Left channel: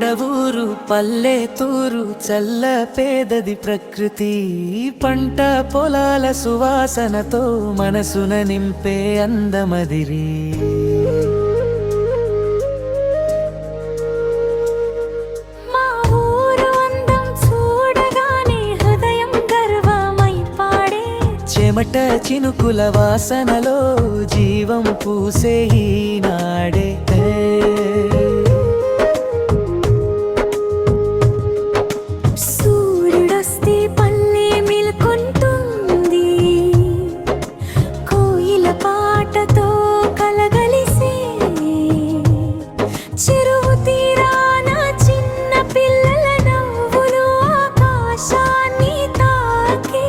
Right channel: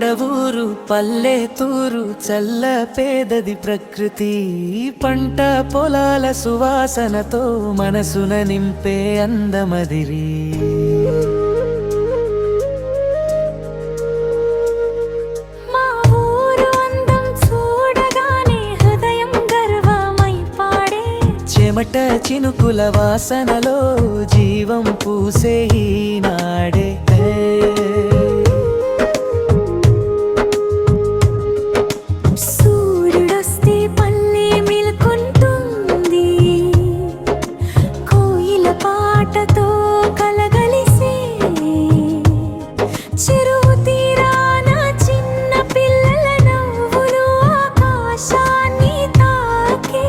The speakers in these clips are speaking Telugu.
మురిగుడవూరు పల్లెతూరు చల్ల పేదది ప్రకృతి పంట పొలాల సువాసనతో మనసున నింపే అందమదిరి మా ఊరు అందం చూడగానే హృదయం గర్వమై పాడే చెమట చినుకుల వాసనలో జీవం పూసే ఈనాడే సూర్యుడొస్తే పల్లె మేల్కొంటుంది కోయిల పాటతో కలగలిసే చెరువు తీరాన చిన్న పిల్లల నవ్వులు ఆకాశాన్ని తాకే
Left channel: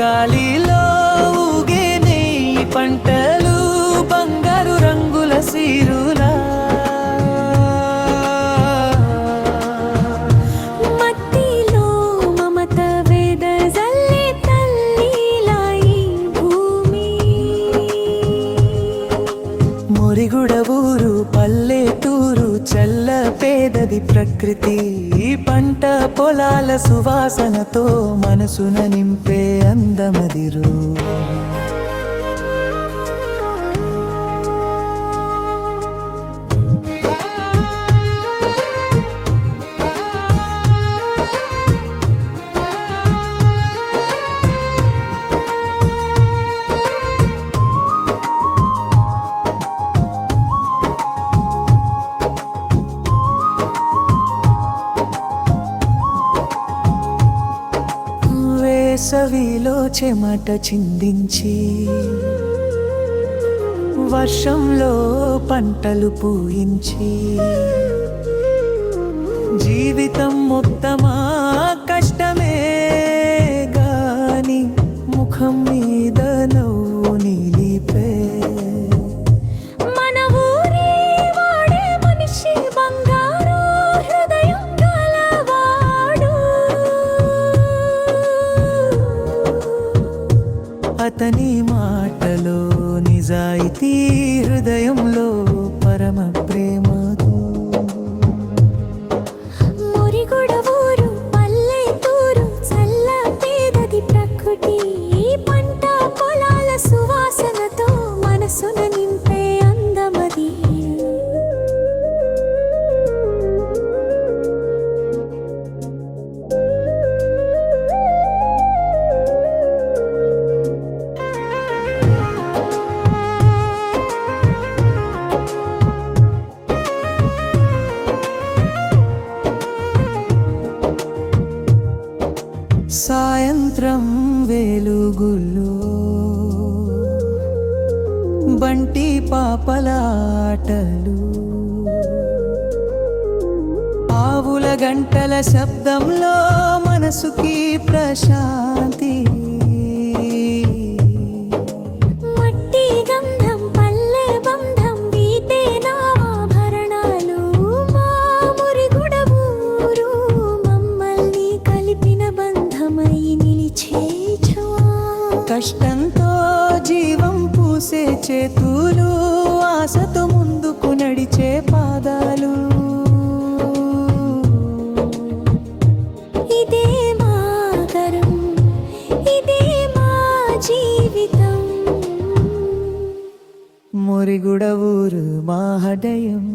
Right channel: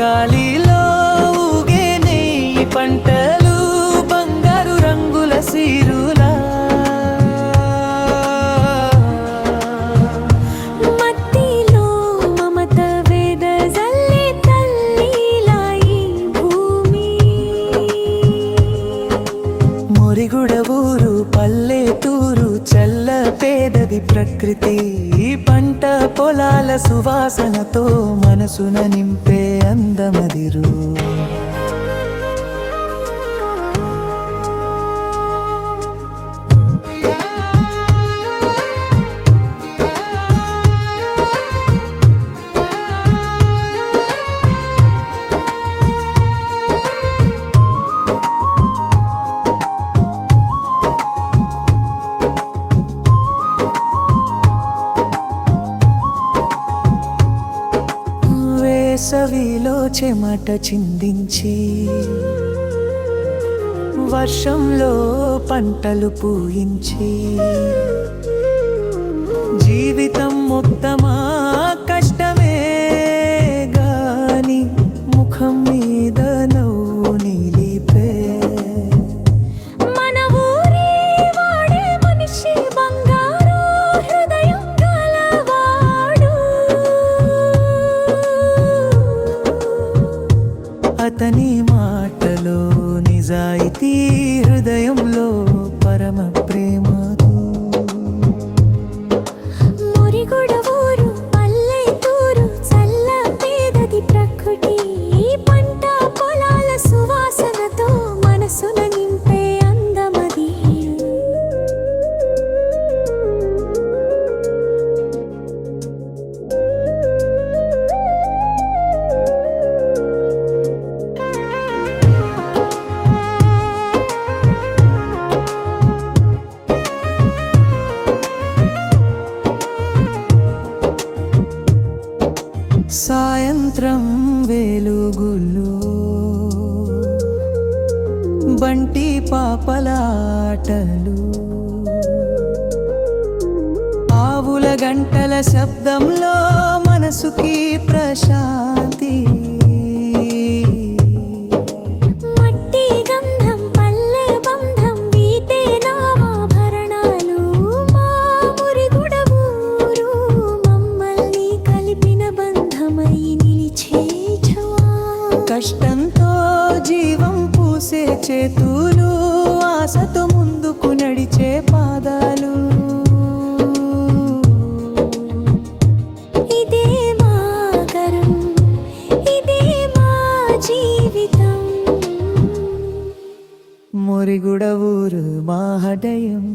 గాలిలో ఊగే నెయ్యి పంటలు బంగారు రంగుల సీరులా మట్టిలో మమత వెదజల్లే తల్లిలా ఈ భూమి మురిగుడవూరు పల్లెతూరు చల్ల పేదది ప్రకృతి పంట పొలాల సువాసనతో మనసున నింపే అందమదిరు వేసవిలో చెమట చిందించి వర్షంలో పంటలు పూయించి జీవితం మొత్తమా కష్టమే గాని ముఖం మీద నవ్వు నిలిపే మన ఊరి వాడే మనిషి బంగారు హృదయం గలవాడు అతని మాటలో నిజాయితీ హృదయంలో పరమ ప్రేమతో మురిగుడవూరు పల్లెతూరు చల్ల పేదది ప్రకృతి పంట పొలాల సువాసనతో మనసున నింపే అందమది సాయంత్రం వెలుగులో బంటి పాపలాటలు ఆవుల గంటల శబ్దంలో మనసుకి ప్రశాంతి మట్టి గంధం పల్లె బంధం వీటే నాభరణాలు మా మురిగుడవూరు మమ్మల్ని కలిపిన బంధమై నిలిచే కష్టంతో జీవం పూసే చేతులు ఆశతో ముందుకు నడిచే పాదాలు ఇదే మా గరం ఇదే మా జీవితం మురిగుడవూరు మా హృదయం